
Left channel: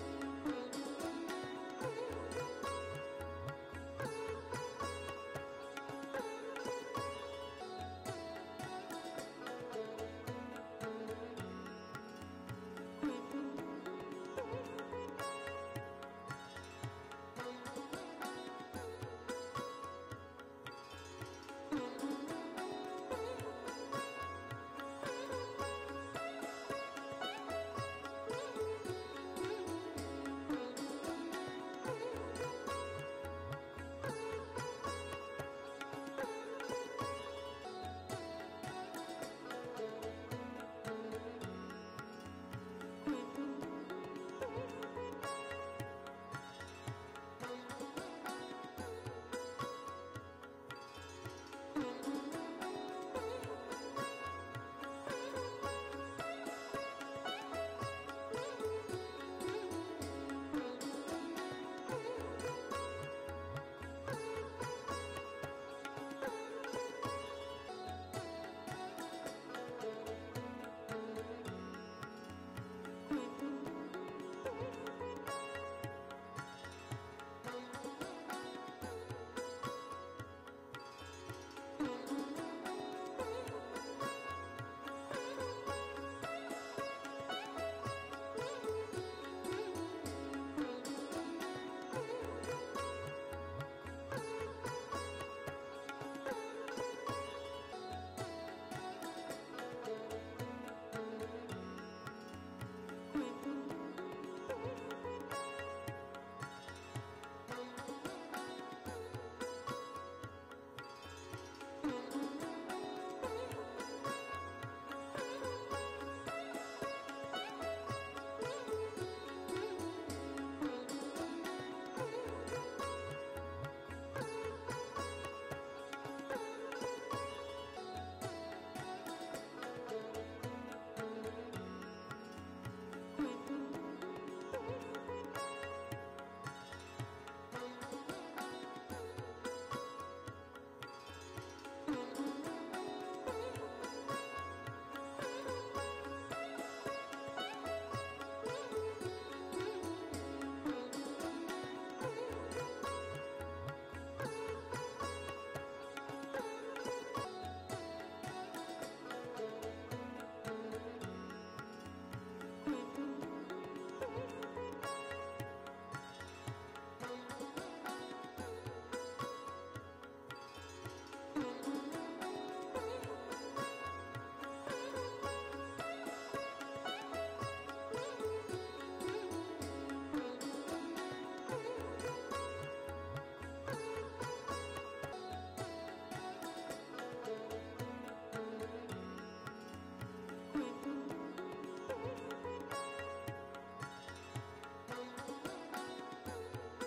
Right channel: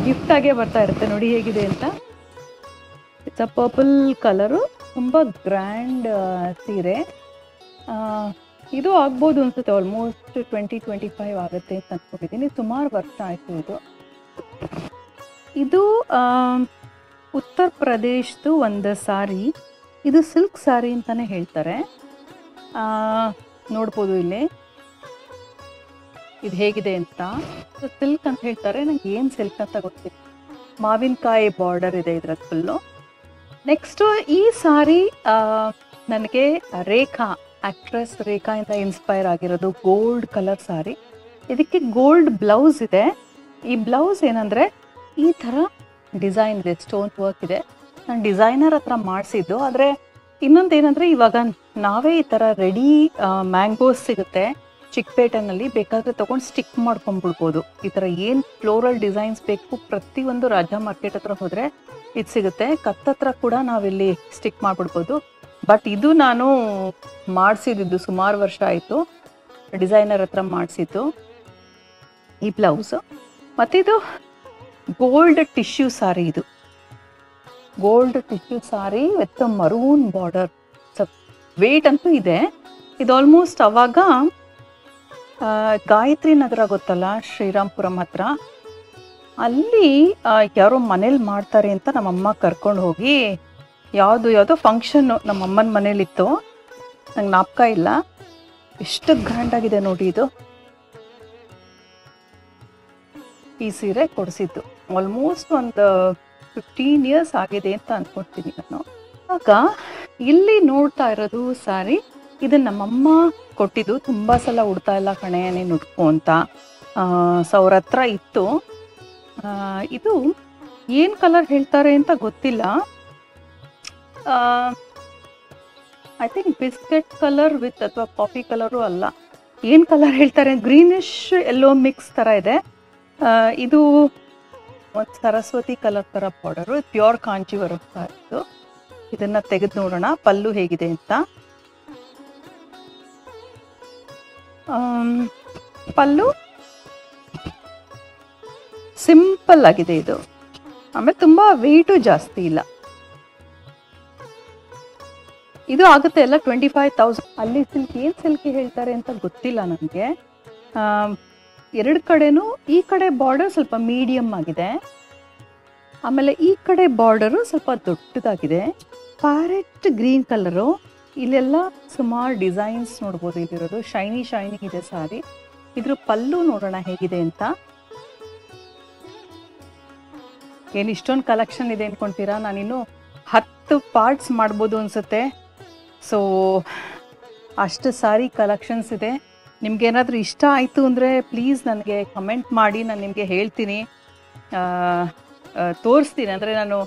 ಗಿಫ್ಟಾಗೇ ಬರ್ತಾ ಇರುತ್ತೆ. ನೋಡಿ ಹೇಗಿದೆ ಅಂತ. ಇಟ್ಸ್ ಅ ಪರ್ಪಲ್ ಕಲರು, ತುಂಬ ಗ್ರ್ಯಾಂಡ್ ಸೀರೆ. ಇದು ಆಗ್ಬೋದು ಅನ್ಸುತ್ತೆ, ಆಲ್ಮೋಸ್ಟ್ 20-25 ಆಗುತ್ತೆ ಅಂತ ಅಂದ್ಕೊಂಡಿದ್ದೀನಿ. ಸುಮಾರು ವರ್ಷ ಆಯಿತು. ಇದು ಉತ್ತರ ಪ್ರದೇಶದ್ದು ಒಂದು ಸಾರಿ. ಇದು ಸಿಲ್ಕ್ ಸಾರಿ ಅಂತಲೇ ಹೇಳ್ತಾರೆ. ನೋಡ್ಬೋದು ಇಲ್ಲಿ ಇದು ಹೇಗಿದೆ ಅಂತ. ಸಿಲ್ಕ್ ಅಂತ ಹೇಳ್ತಾರೆ, ನನಗೆ ಏನು ಸಿಲ್ಕ್ ಅಂತ ಗೊತ್ತಿಲ್ಲ. ಮಾವಿನಕಾಯಿ ಬಾರ್ಡರ್ ಇದೆ ಇದರ ಫುಲ್ಲು. ನೆಕ್ಸ್ಟು ಈ ಸಾರಿ ನನಗೆ ರೇಖಾ, ಆ್ಯಕ್ಟ್ರೆಸ್ ರೇಖಾ ಇಂದ ಇನ್ಸ್ಪೈರ್ ಆಗಿರೋದು. ಗೋಲ್ಡ್ ಕಲರ್ ಸಾರಿ, ಇದಕ್ಕೆ ಗೋಲ್ಡ್ ಬ್ಲೌಸ್ ಇದೆ. ಈ ಬ್ಲೌಸ್ ಏನಂದರೆ ಈ ಥರ ಡಿಸೈನ್ ಇದೆ, ಸ್ಟೋನ್ ವರ್ಕ್ ಇದೆ. ನಾನು ಡಿಸೈನರ್ ಹತ್ರ ಮಾಡಿಸಿದ್ದು. ಆದರೆ ಇನ್ನೊಂದೇನೆಂದರೆ ಇವಾಗ ನಾವೇ ಈ ಥರ ರೆಡಿ ಮ್ಯಾಂಗೋಸ್ ಸಿಗುತ್ತೆ ಚಿಕ್ಕಪೇಟೆನಲ್ಲಿ, ಬೇಕಾದರೆ ತೊಗೊಂಡು ಸ್ಟಿಕ್ ಮಾಡ್ಕೊಂಡ್ಬಿಡ್ಬೋದು. ಈ ಥರ ಏನು ಫ್ಲೋರಲ್ ಡಿಸೈನ್ಸ್ ಬೇಕು ಪ್ರತಿಯೊಂದು ರಾಜ ಮಾರ್ಕೆಟ್ ಹತ್ರ ಹೋದರೆ ಇದು ಸಿಗುತ್ತೆ. ಕತ್ತತ್ರ ಕೂಡ ನಾವಿಲ್ಲಿ ಸ್ಟಿಕ್ ಮಾಡಿಬಿಡ್ಬೋದು. ಬಟ್ ಇದು ನಾನು ಮಾಡಿಸಿದ್ದು ಸುಮಾರು ವರ್ಷ ಆಯಿತು, ಡಿಸೈನರ್ ಹತ್ರ ಮಾಡಿಸಿದ್ದು ಈ ಬ್ಲೌಸು. ಮತ್ತಿದು ಗೋಲ್ಡ್ ಟಿಶ್ಯೂ ಸಾರಿ. ಇದು gold tissue sari with maroon border. Weight ಅಂತೂ ಇದೆ. ಇದು ಆಲ್ಮೋಸ್ಟ್ ಅವಾಗ ಗಾಯತ್ರಿ ನಗರ ಗೊತ್ತಲ್ಲ, ಶ್ರೀರಾಮ್ಪುರಂ ಹತ್ರ, ಅಲ್ಲಿ ಯಾರೋ ಮನೇಲಿ ಮಾಡ್ತಾರೆ ಅಂತ ನಮ್ಮಮ್ಮ ಕರ್ಕೊಂಡು ಹೋಗಿ, ಯಾವುದೋ ಫಂಕ್ಷನ್ನು ನಮ್ಮಮ್ಮನ ಮನೇಲಿತ್ತು, ನಂಗೆ ಜ್ಞಾಪಕ ಇಲ್ಲ. ಎಷ್ಟು ಗ್ರ್ಯಾಂಡಾಗಿದೆ ನೋಡಿ ಇದು. ಈ ಸೀರೆ ಕೊಡಿಸಿದ್ದು ಆಲ್ಮೋಸ್ಟ್ ಒಂದು 15 ಇಯರ್ಸ್ ಆಗಿದೆ ಅಂತ ಅಂದ್ಕೊಳ್ತೀನಿ ನಾನು. ಆಗ ಇಲ್ಲಿ ನೋಡ್ತಾ ಇರೋದು ಸಾರಿ, ಇದನ್ನು ನಮ್ಮಮ್ಮ ಕೊಟ್ಟಿದ್ದು. ತುಂಬ ಸಲ ಉಡ್ತಾ ಇಲ್ಲ ಕಣೆ ನೀನು ಉಟ್ಕೋ ಅಂತ. ಸೊ ಅವ್ರ ಹತ್ರ ಇತ್ತು. ಇದು ಏನು ಕಲರ್ ಹೇಳ್ತಾರೆ ಅಂತ ಗೊತ್ತಿಲ್ಲ. I think biscuit colour with ಅಥವಾ ಕಾಫಿ ಕಲರು ಅಲ್ಲ, ಏನು ಕಲರ್ ಹೇಳ್ತಾರೆ, ಗ್ರೀನಿಶ್ ಎಲ್ಲೋ ಮಿಕ್ಸ್ ಥರ ಇದೆ. ಇದು ಒಂದು ಸರಸ್ವತಿ ಕಲರ್ ಥರ ಬಾರ್ಡರು. ಪ್ಯೂರ್ ಕಾಂಚೀವರಂ ಇತ್ತು. ಇದನ್ನು ತೆಗೆದು ನೋಡೋಣ ಪಲ್ಲು ಹೇಗಿದೆ ಅಂತ. ಪಲ್ಲು ಸಿಂಪಲ್ ಆಗಿದೆ ಇದು. ಆಮೇಲೆ ತುಂಬ ವೆಯ್ಟು ಜಾಸ್ತಿ ಇಲ್ಲ. ಇದು ಆಗುತ್ತೆ ಎಲ್ಲ 25,000. ಅಲ್ಲಿ ಸಿಲ್ಕ್ ಏನು ಸಿಲ್ಕಿ ಹೇಳ್ತಾರೆ ಅಂತ ಗೊತ್ತಿಲ್ಲ ನನಗೆ. ಎರಡು ಕಡೆನೂ ಈ ಕಡೆ ಬಾರ್ಡರ್ ಸ್ವಲ್ಪ ಮೀಡಿಯಮ್ ಆಗಿದೆ, ಆಮೇಲೆ ಈ ಕಡೆ ಬಾರ್ಡರು ಸ್ವಲ್ಪ ದೊಡ್ಡದಾಗಿದೆ. ಪ್ಯಾರೆಟ್ ಗ್ರೀನ್ ಕಲರು, ಇಲ್ಲೆಲ್ಲ ಸುಮಾರು ಡಿಸೈನ್ಸ್ ನೋಡ್ಬೋದು. ಇಲ್ಲಿರೋದು ಶೈನಿ ಶೈನಿ ಇದೆ ಸಾರಿ. ಇದ್ರ ಪಲ್ಲು ನೋಡೋಣ ಹೇಗಿದೆ ಅಂತ. ಏನು ಇಷ್ಟೊಂದು ಕಲೆಕ್ಷನ್ ಇದೆ ಅಂದ್ಕೊಳ್ತೀರಾ? ನಾನಿನ್ನು 10 ಪಾರ್ಟ್ಸ್ ಮಾಡ್ಬೋದು ಅನಿಸುತ್ತೆ. ಸೊ ಅಷ್ಟು ಸಾರಿ ಕಲೆಕ್ಷನ್ಸ್ ಇದೆ. ನಿಮ್ಗೇನಾದರೂ ಇಷ್ಟ ಆಯಿತು ಅಂದರೆ ಪ್ಲೀಸ್ ನನಗೆ ಕಮೆಂಟ್ ಮಾಡಿ, ನಾನು ನಿಮಗೆ ಹೇಳ್ತೀನಿ, ತೋರಿಸ್ತೀನಿ. ಅಂದರೆ ನಾನು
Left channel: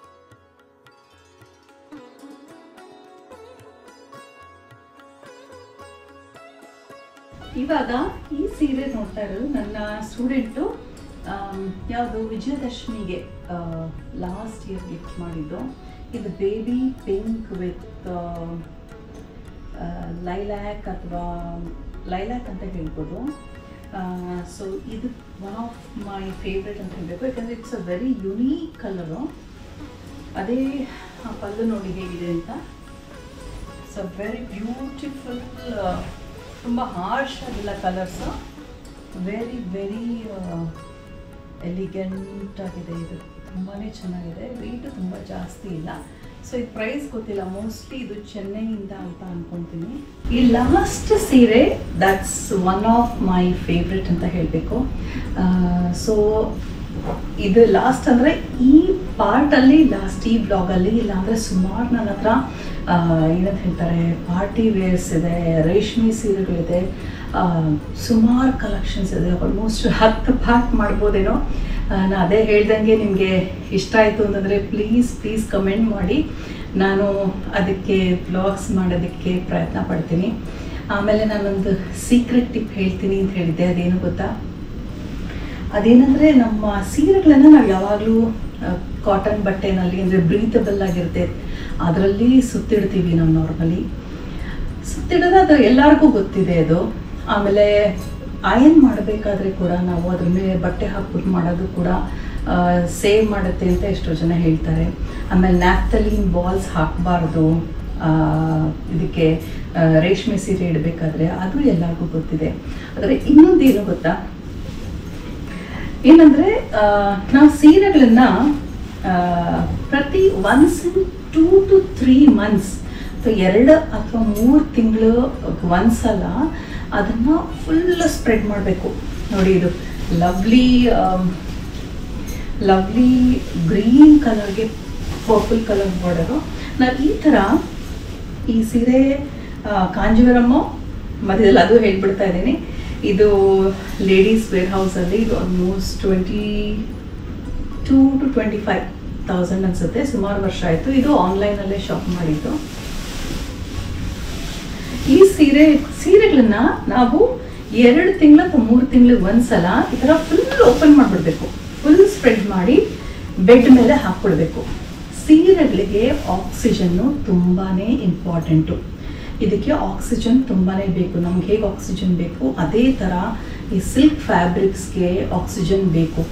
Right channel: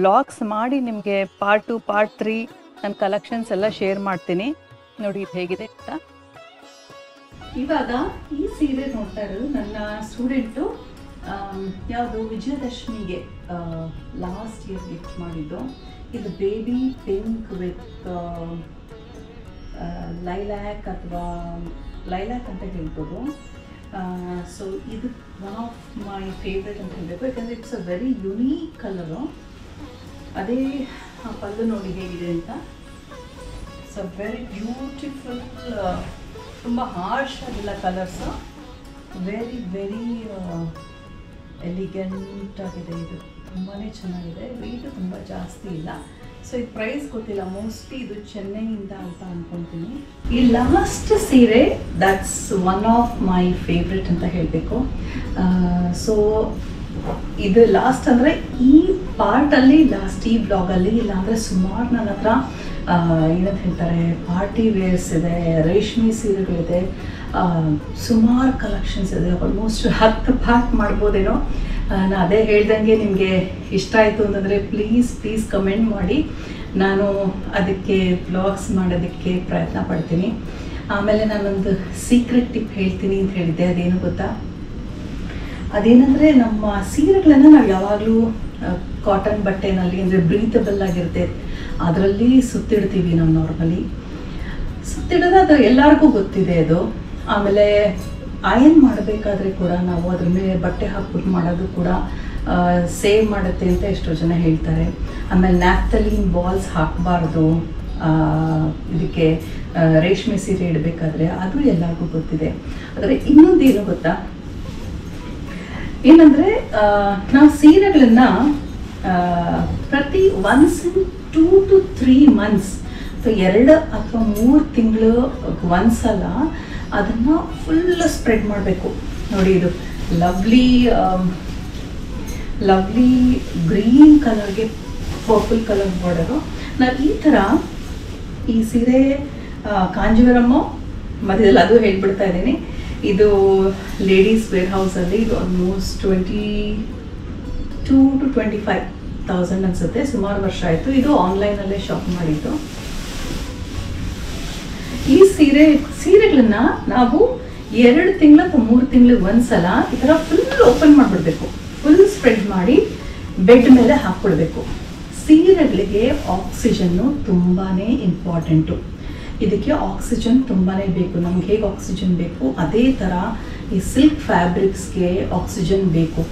ವ್ಲಾಗ್ಸ್ ಮಾಡಿ ನಿಮಗೆ ಪಾರ್ಟ್ 2 ಪಾರ್ಟ್ 3 ನನ್ನ ಕಲೆಕ್ಷನ್ಸ್ ಎಲ್ಲ ಶೇರ್ ಮಾಡ್ತೀನಿ. ನೋಡಿ ಇದು ಹೇಗಿದೆ ಅಂತ. ಇವಾಗ ಈ ಸೀರೆ ನೋಡ್ತಾ ಇರೋದು ನನ್ನ ಸ್ಟೂಡೆಂಟು ಯಾವುದು ವಿಜಯದಶಮಿಗೆ ಲಾಸ್ಟ್ ಇಯರ್ ಗಿಫ್ಟ್ ಮಾಡಿದ್ದು. ಇದು ಬೇಬಿ ಪಿಂಕ್ ವಿತ್ ಲೈಲ್ಯಾಕ್ ಅಥವಾ ಲೈಲ್ಯಾಕ್ ಅಂತ ಹೇಳ್ಬೋದು. ಸೊ ಇದು ಒನ್ ಆಫ್ ಮೈ ಫೇವ್ರೆಟ್ ಅಂತ ಹೇಳಬೇಕು, ಯಾಕಂದರೆ it's a very unique colour. ಅದೇ ಪಲ್ಲು ನೋಡಿ ಹೇಗಿದೆ ಅಂತ. ಸೊ ವೆರಿ ಬ್ಯೂಟಿಫುಲ್, ತುಂಬ ಹಾರ್ಶ್ ಆಗಿಲ್ಲ ಕಲರ್ಸು, ವೆರಿ ವೆರಿ ಎಲಿಗೆಂಟ್ ಆಗಿದೆ. ಇದು ತುಂಬಾ ಚೆನ್ನಾಗಿದೆ, ವೆಯ್ಟು ತುಂಬ ಜಾಸ್ತಿ ಇಲ್ಲ. ಸೊ ಇದು ಪ್ರೈಸ್ ಗೊತ್ತಿಲ್ಲ, ಮೋಸ್ಟ್ಲಿ ಇದು ಚೆನ್ನೈಯಿಂದ ಅಂತ ಅಂದ್ಕೊತೀನಿ. ಈ ಲಾಸ್ಟ್ ಸೀರೆ that's one of my favourite ಅಂತ ಹೇಳಬೇಕು. ಸೊ ಇದು ಲಾಸ್ಟ್ ಅಂದರೆ ಈ ಪಾರ್ಟಲ್ಲಿ ಲಾಸ್ಟ್, ಈ ಬ್ಲಾಗಲ್ಲಿ. ಇಲ್ಲಾಂದರೆ ಸುಮಾರು ನನ್ನ ಹತ್ರ ಏನಂತ ಹೇಳ್ತಾರೆ ಪಾರ್ಟಿ ವೇರ್ಸ್ ಇದೆ, ರೇಷ್ಮೆ ಸೀರೆಗಳಿದೆ, ಸುಮಾರು ಕಲೆಕ್ಷನ್ಸ್ ಇದೆ. ಆಲ್ಮೋಸ್ಟ್ 10 ಪಾರ್ಟ್ ಮಾಡ್ಬೋದೇನೋ. ನಾನು ಅದೇ ಹೇಳ್ದಂಗೆ ನಿಮಗೆ ಇಷ್ಟ ಆಯಿತು ಅಂತಂದರೆ ಪ್ಲೀಸ್ ಕಮೆಂಟ್ ಮಾಡಿ, ನಾನು ಅದಕ್ಕೆ ವ್ಲಾಗ್ಸ್ ಮಾಡೋದಕ್ಕೆ ಪ್ರಯತ್ನ ಪಡ್ತೀನಿ. ಆಮೇಲೆ ನಾನೊಂದು ಸೀಕ್ರೆಟ್ ಟಿಪ್ ಹೇಳ್ತೀನಿ ಅಂತ ಹೇಳಿದ್ದೆ, ಅದೇನು ಗೊತ್ತಾ? ಅದೇನೆಂದರೆ ನಮ್ಮ ಸೀರೆಗಳನ್ನು ನಾವು ಯಾವಾಗಲೂ ಕಾಟನ್ ಬಟ್ಟೆನಲ್ಲಿ, ಅಂದರೆ ಬ್ರೀತಬಲ್ ಆಗಿರುತ್ತೆ, ಅದರಲ್ಲಿ ಸುತ್ತಿಡ್ತೀವಿ ನಾವು ನಾರ್ಮಲಿ. ಸುತ್ತಿಡೋದು ಅದು ಎಲ್ಲರಿಗೂ ಗೊತ್ತಿದೆ ಅದು. ಆಮೇಲೆ ಅಯನ್ ಮಾಡಬೇಕಾದ್ರೆ ಕೂಡ ನಾವು ಅದ್ರ ಮೇಲೆ ಬಟ್ಟೆ ಹಾಕ್ಬಿಟ್ಟು ಮಾಡೋದು ಕೂಡ ಸೇವ್ ಮಾಡುತ್ತೆ ಅಂತ ಎಷ್ಟೋ ಜನ ಹೇಳ್ತಾರೆ. ಆಮೇಲೆ ನ್ಯಾಪ್ಥಲಿನ್ ಬಾಲ್ಸ್ ಹಾಕಬಾರ್ದು ಇದಕ್ಕೆ, ರೇಷ್ಮೆ ಸೀರೆ ಇಡಬೇಕಾದ್ರೆ, ಅದು ಎಲ್ಲರಿಗೂ ಗೊತ್ತಿದೆ. ಆದರೆ ಇನ್ನೊಂದೇನು ಗೊತ್ತಾ, ಏನಂದರೆ ನಾವು ಸೀರೆಗಳನ್ನು ಪ್ರತಿ ಒನ್ಸ್ ಇನ್ 2 to 3 ಮಂತ್ಸ್ ಅಥವಾ 2 ಅಥವಾ 3 ತಿಂಗಳು ಒಂದ್ಸಲ ಅದನ್ನು ಫುಲ್ ಸ್ಪ್ರೆಡ್ ಮಾಡಬೇಕು. ನೋಡಿ ಇದು ಲವ್ಲಿ ಗ್ರೀನ್ ಕಲರ್ಗೆ ಪರ್ಪಲ್ ಕಲರ್ ಬಾರ್ಡರು. ನಾನು ಈ ಥರ ಈ ಸೀರೆ ಕಾಂಜೀವರಮ್ಮು ಮಧ್ಯದಲ್ಲಿ ಅದು ಹೇಳ್ಬಿಡ್ತಾ ಇದ್ದೀನಿ. ಇದು ಲೇಡೀಸ್ ವೇರ್ ಹೌಸಲ್ಲಿ, ಇದು ಆಲ್ಮೋಸ್ಟ್ 22 to 25,000 ಅನಿಸುತ್ತೆ, ಸುಮಾರು ವರ್ಷ ಆಯಿತು. ಇದು ಆನ್ಲೈನಲ್ಲೇ ಶಾಪ್ ಮಾಡಿದ್ದು. ಈ ಸೀರೆಗಳನ್ನ ನಾವು 2 ತಿಂಗಳು ಅಥವಾ 3 ತಿಂಗಳಿಗೆ ಒಂದ್ಸಲ ಈ ಥರ ಫುಲ್ ಓಪನ್ ಮಾಡಿಬಿಡ್ಬೇಕು, ಫುಲ್ ಸ್ಪ್ರೆಡ್ ಮಾಡಿ ಬೆಡ್ ಮೇಲೆ ಹಾಕ್ಬಿಡ್ಬೇಕು. ಸೀರೆಗಳಿಗೆ ಆಕ್ಸಿಜನ್ನು ತುಂಬಾ ಇಂಪಾರ್ಟೆಂಟು. ಇದಕ್ಕೆ ಆಕ್ಸಿಜನ್ ತುಂಬಾ ಬೇಕು. ನಮ್ಗೆ ಹೇಗೆ ಆಕ್ಸಿಜನ್ ಬೇಕು ಅದೇ ಥರ ಈ ಸಿಲ್ಕ್ ಫ್ಯಾಬ್ರಿಕ್ಸ್ಗೆ ಆಕ್ಸಿಜನ್ ಬೇಕು.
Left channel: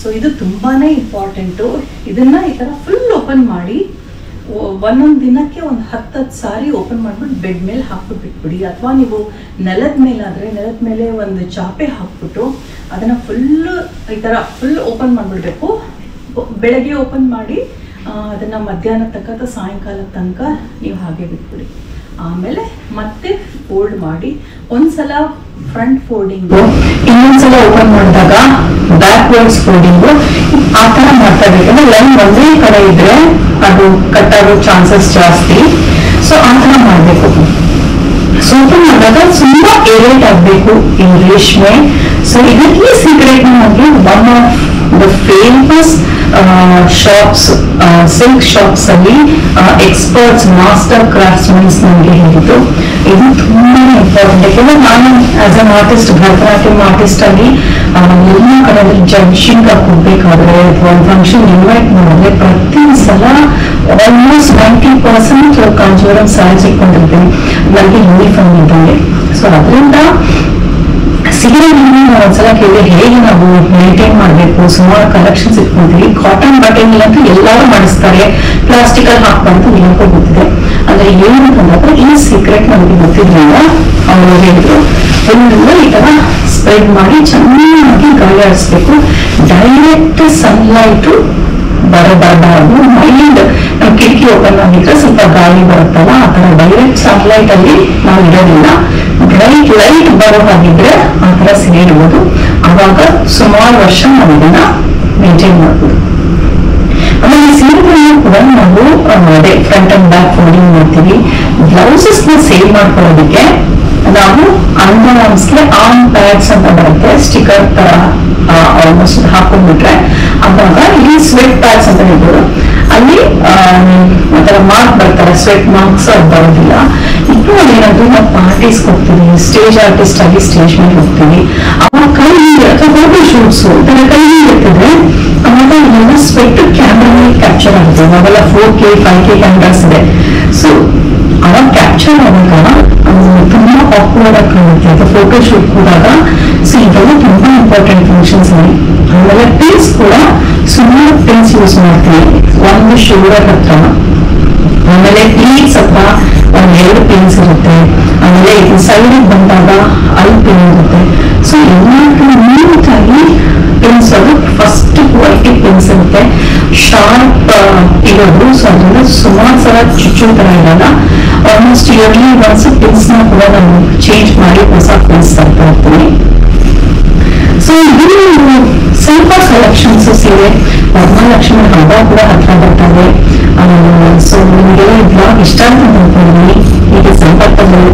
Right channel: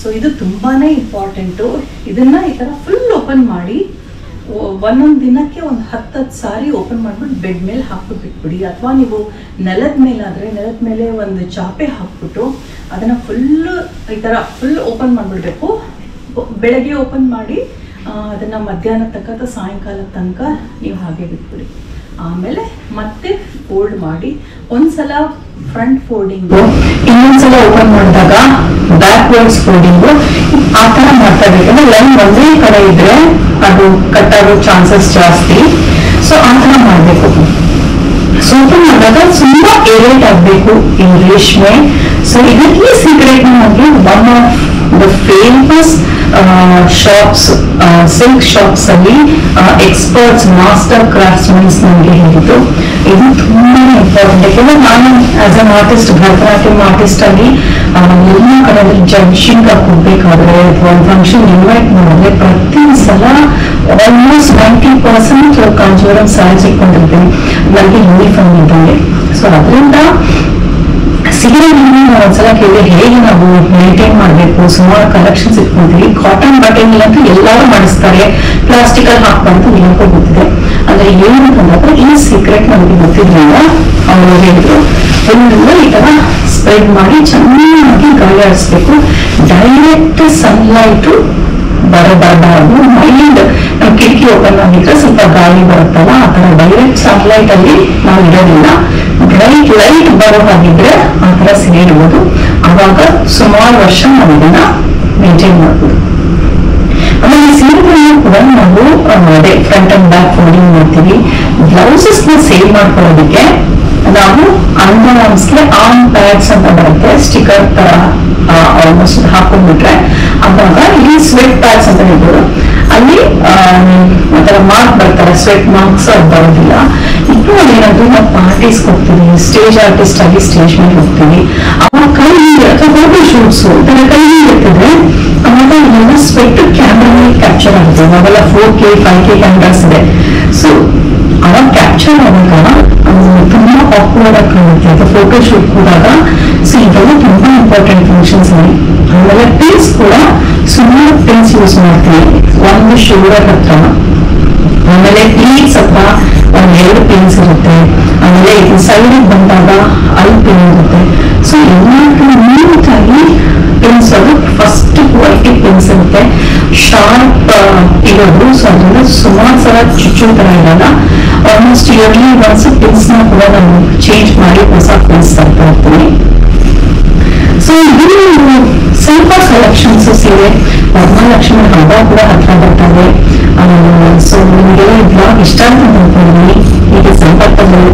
ಸೊ ಇದು ತುಂಬಾ ಇಂಪಾರ್ಟೆಂಟು. ಇದನ್ನು ಈ ಥರ ಫುಲ್ ಓಪನ್ ಮಾಡಿ ಒಂದೊಂದು ದಿನಕ್ಕೆ ಒಂದು 10 ಸಾರಿ ಓಪನ್ ಮಾಡಿಬಿಟ್ಟು ಬೆಡ್ ಮೇಲೆ ಹಾಕ್ಬಿಟ್ಟು ಬಿಟ್ಬಿಡಿ. ಅಥವಾ ನೀವು ನೆಲದ ಮೇಲಾದರೆ ನೆಲದ ಮೇಲೆ ಒಂದು ಚಾಪೆ ಹಾಕ್ಬಿಟ್ಟು ಅದನ್ನು ಫುಲ್ಲು ಈ ಥರ ಫುಲ್ ಓಪನ್ ಮಾಡಿಬಿಡ್ಬೇಕು. ಬೆಳಗ್ಗೆ ಓಪನ್ ಮಾಡಿ ಅದನ್ನು ಮಧ್ಯಾಹ್ನ ತನಕ ಅಥವಾ ಸಾಯಂಕಾಲ ತನಕ ನೀವು ಹಾಗೆ ಬಿಟ್ಬಿಡಿ. ಆಮೇಲೆ ಮತ್ತೆ ಫೋಲ್ಡ್ ಮಾಡಿ ಒಂದ್ಸಲ ಫ್ರಂಟ್ ಫೋಲ್ಡಿಂಗು, ಇನ್ನೊಂದ್ಸಲ ಓಪನ್ ಮಾಡಿದಾಗ ಬ್ಯಾಕ್ವರ್ಡ್ಸ್ ಫೋಲ್ಡಿಂಗು, ಆ ಥರ ಮಾಡ್ತಾ ಇರ್ಬೇಕಂದ್ರೆ ಲೈನ್ ಒಂದೇ ಕಡೆ ಇದ್ರೆ ಅದು ಕಟ್ ಆಗೋ ಚಾನ್ಸಸ್ ಜಾಸ್ತಿ. ಸೊ ಆ ಥರ ಮಾಡಬೇಕು. ಸೊ ಓಪನ್ ಮಾಡಿದಾಗ ತುಂಬಾ ಏರೇಟ್ ಆಗಬೇಕು ಈ ರೇಷ್ಮೆ. ಸೊ ಇದಕ್ಕೆ ಸೀಕ್ರೆಟ್ ನಮಗೆ one of the famous shops, silk shops ಅಲ್ಲಿ ಎಕ್ಸ್ಪರ್ಟ್ಸ್, ಮಾಸ್ಟರ್ ಕ್ರಾಫ್ಟ್ಸ್ಮನ್ಸ್ ನಮಗೆ ಹೇಳಿದ್ದು ಇದು ತುಂಬಾ ಇಂಪಾರ್ಟೆಂಟ್. ಯಾಕೆಂದ್ರೆ ನಾನು as an artist, Bharatanatyam artist ಆಗಿ ಎಲ್ಲ ಕಡೆಯಲ್ಲಿ ಜಡ್ಜಿಂಗ್ ಹೋಗ್ಬೇಕಾದ್ರೆ ಅಥವಾ ಒಂದು ಫಂಕ್ಷನ್ ಇನ್ವೈಟ್ ಮಾಡಿದ್ರೆ ಪ್ರತಿ ಸಲ ಆಲ್ಮೋಸ್ಟ್ 90% ಕಾಂಜೀವರಂ ಸ್ಯಾರೀಸ್ ಇಟ್ಕೊಂಡಿರ್ತೀನಿ ನನಗೆ ಯೂನಿಫಾರ್ಮ್ ಇದ್ದಂಗೆ. ಸೊ ಅದರಿಂದ ಸೀರೆಗಳನ್ನು ನಾವು ಒಂದ್ಸಲ ಕೇಳಿದ್ರೆ ಹೇಗೆ ನಾವು ಮೇಂಟೈನ್ ಮಾಡಬೇಕು, ಸುಮಾರು ಕಲೆಕ್ಷನ್ಸ್ ಇಟ್ಕೊಂತೀವಿ. ಕಾಟನ್ ಬಟ್ಟೆಗಳಂತೂ ಎಲ್ಲರೂ ಮಾಡಿಸ್ತಾರೆ, ಪ್ಲಾಸ್ಟಿಕಲ್ಲಿ ಹಾಕ್ಬಾರ್ದು, ಎಲ್ಲರಿಗೂ ಗೊತ್ತಿದೆ. ಅಂದ್ರೆ ಅಲ್ಲಿ ಏನು ಬಂದಾಗ ಈ ಸೀಕ್ರೆಟ್ ನಮಗೆ ಗೊತ್ತಿದ್ರಿಂದ ಅವರು ಹೇಳಿದ್ರು, ಎಲ್ಲ ಈ ತರ ಸ್ಪ್ರೆಡ್ ಮಾಡಿ ಚೆನ್ನಾಗಿ ಗಾಳಿ ಆಡಿಸ್ಬೇಕು. ಡೈರೆಕ್ಟ್ ಸನ್ಲೈಟ್ ಬರಬಾರ್ದು. ಮೈಂಡ್ ನಮ್ ಕಿಟಕಿ ಓಪನ್ ಆಗಿದ್ರೆ ಸ್ವಲ್ಪ ಗಾಳಿ ಬರುತ್ತಲ್ಲ, ಆ ತರ ಡೈರೆಕ್ಟ್ ಸನ್ಲೈಟ್ ಅಲ್ಲಿ ನಾವು ಇರೋದಿಲ್ಲ. ಬ್ರೈಟ್ ಲೈಟ್ ಬರೋ ಹಾಗಿದ್ರೆ ಆ ತರ ಸಿಗಿಡ್ಬೋದು. ಅವಾಗ ಸುಮಾರು ವರ್ಷ ನಾವು ಇದನ್ನ ಮೇಂಟೈನ್ ಮಾಡ್ಬೋದು. ಆಮೇಲೆ ಸೀರೆಗಳನ್ನು ಕೂಡ ನಾವು ಅದೇ ಫ್ರಂಟ್ ಅಂಡ್ ಬ್ಯಾಕ್ ಫೋಲ್ಡಿಂಗ್ ಮಾಡ್ತೀವಿ. ಬ್ಲೌಸಸ್ ನ ಸೇಲ್ ಮಾಡ್ಕೊಳ್ಳೋದಕ್ಕೆ ನಾವು ಅಂಡರ್ ಆರ್ಮ್ಸ್ಗೆ ಆರ್ಮ್ ಪ್ಯಾಡ್ಸ್ ಅಂತ ಬರುತ್ತೆ, ಸ್ಟಿಕರ್ ತರ ಆಲ್ಮೋಸ್ಟ್ ಹಾಕೊಂಡ್ಬಿಟ್ರೆ ಅವಾಗ ಇಲ್ಲಿ ಸ್ವೆಟ್ ಪ್ಯಾಡ್ಸ್ ಅಂತ ಹೇಳ್ಬೋದು. ಅಲ್ಲಿ ಒಂಥರ ಮಾರ್ಕ್ ಬರ್ತಾರೆ, ಸ್ವೆಟ್ ಮಾರ್ಕ್ಸ್ ಅದು ಬರೋದಿಲ್ಲ. ಇನ್ನು ಏನಾದ್ರು ನಾವು ಪಾರ್ಟೀಸ್ ಹೋಗ್ತೀವಿ, ಸ್ಟೇಜ್ ಆರ್ಟಿಸ್ಟ್ ಆಗಿ ಸ್ಟೇಜ್ ಮೇಲೆ ಹೋಗ್ತೀವಿ, ಅವಾಗ ಕೈ ಅಥವಾ ಫೋಟೋ ಶೂಟ್ಸ್ ಇದರ ಕೈ ಇರ್ತದೆ, ಅವಾಗ ಇದೆಲ್ಲ ಸ್ವೆಟ್ ಕ್ಯಾಮ್ರಾ ಕ್ಯಾಪ್ಚರ್ ಆಗುತ್ತೆ. ಅವಾಗೆಲ್ಲ 4K 5K ಕ್ಯಾಮ್ರಾಸ್ ಇದೆ. ಸೊ ಅವಾಗ ಕ್ಯಾಪ್ಚರ್ ಆದಾಗ ತುಂಬಾ ಆಕ್ವರ್ಡ್ ಆಗಿ ಕಾಣುತ್ತೆ ಅಥವಾ ಫೋಟೋ ಶೂಟ್ ಕೂಡಾಗ. ಸೊ ಇದೆಲ್ಲ ತುಂಬಾ ಇಂಪಾರ್ಟೆಂಟ್ ಫಂಕ್ಷನ್ಸ್ ಅಲ್ಲಿ. ಆಮೇಲೆ ಪಿನ್ಸ್ ಕೂಡ ಸುಮಾರು ಪಿನ್ಸ್ ಯೂಸ್ ಮಾಡ್ತೀವಿ, ಒಂದು ಶೋಲ್ಡರ್ ಹತ್ರ, ಆಮೇಲೆ ಪ್ಲೀಟ್ಸ್ ಹತ್ರ ಒಂದೆರಡು ಪಿನ್ಸ್ ಇರುತ್ತೆ, ಆಮೇಲೆ ಇದು ಸೈಡ್ ಬಂದಾಗ ಅಲ್ಲಿ ಪಿನ್ ಇರುತ್ತೆ. ಸೊ ಎಲ್ಲರಿಗೂ ನೀಟಾಗಿ ಪಿನ್ಸ್ ಅದು ಫಸ್ಟ್ ಕ್ವಾಲಿಟಿ ಪಿನ್ಸ್ ಇರುತ್ತೆ, ಶಾರ್ಪ್ ಇರೋದು. ಸೊ ಅದರಿಂದ ಸುಮಾರು ಸಲ ಚುಚ್ಚು ತರ ಇರಲ್ಲ. ಆಲ್ಮೋಸ್ಟ್ ಇಯರ್ಲಿ ಒನ್ಸ್ ಪಿನ್ಸ್ ನ ಕೂಡ ನಾನು ಚೇಂಜ್ ಮಾಡಿ ಹೊಸ ಪಿನ್ಸ್ ತರ್ತಾ ಇರ್ತೀನಿ. ಸೊ ಇದು ಸ್ವಲ್ಪ ಕಲೆಕ್ಷನ್ಸ್ ಸೀರೆ. ವರಮಹಾಲಕ್ಷ್ಮಿ ಹಬ್ಬ ಕೂಡ ಹತ್ರ ಬರ್ತದೆ. ಸೊ ನಿಮಗೆಲ್ಲ ಈ ಬ್ಲಾಗ್ ಇಷ್ಟ ಅಂತ ಅನ್ಕೊಂಡಿದ್ದೀನಿ. ಹೀಗೆ ಸಂಪರ್ಕದಲ್ಲಿ